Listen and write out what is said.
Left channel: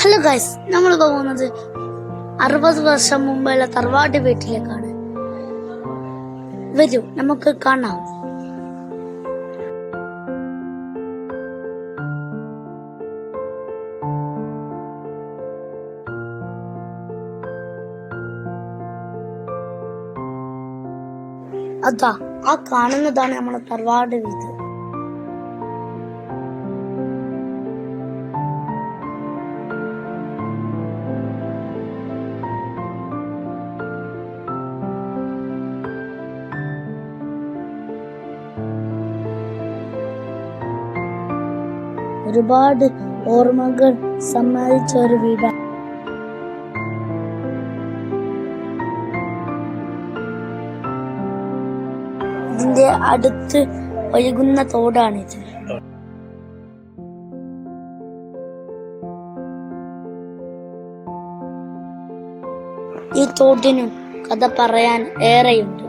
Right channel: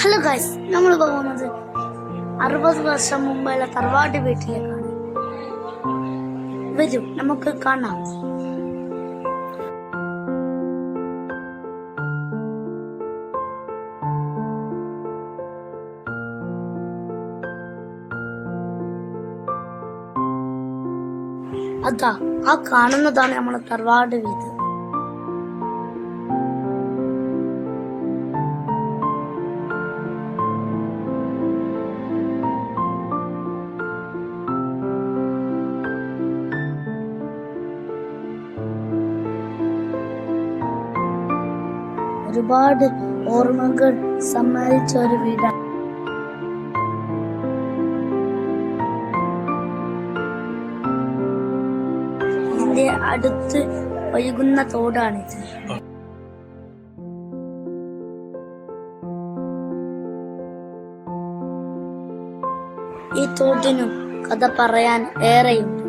Hello guys, നമ്മൾ പോകുന്നത് 60 വർഷം മുമ്പുള്ള തറവാട് വീട്ടിലേക്കാണ്. വരൂ, നമുക്ക് കാണാം. അതാ ആ കാണുന്നതാണ് നമ്മളെ തറവാട് വീട്. ഒരുപാട് ഓർമ്മകൾ സമ്മാനിച്ച ഒരു വീടാണ്. ഇതിന്റെ അടുത്ത് ഒഴുകുന്ന തോടാണിത്. ഈ തോട്ടിനും കഥ പറയാൻ ഏറെയുണ്ട്.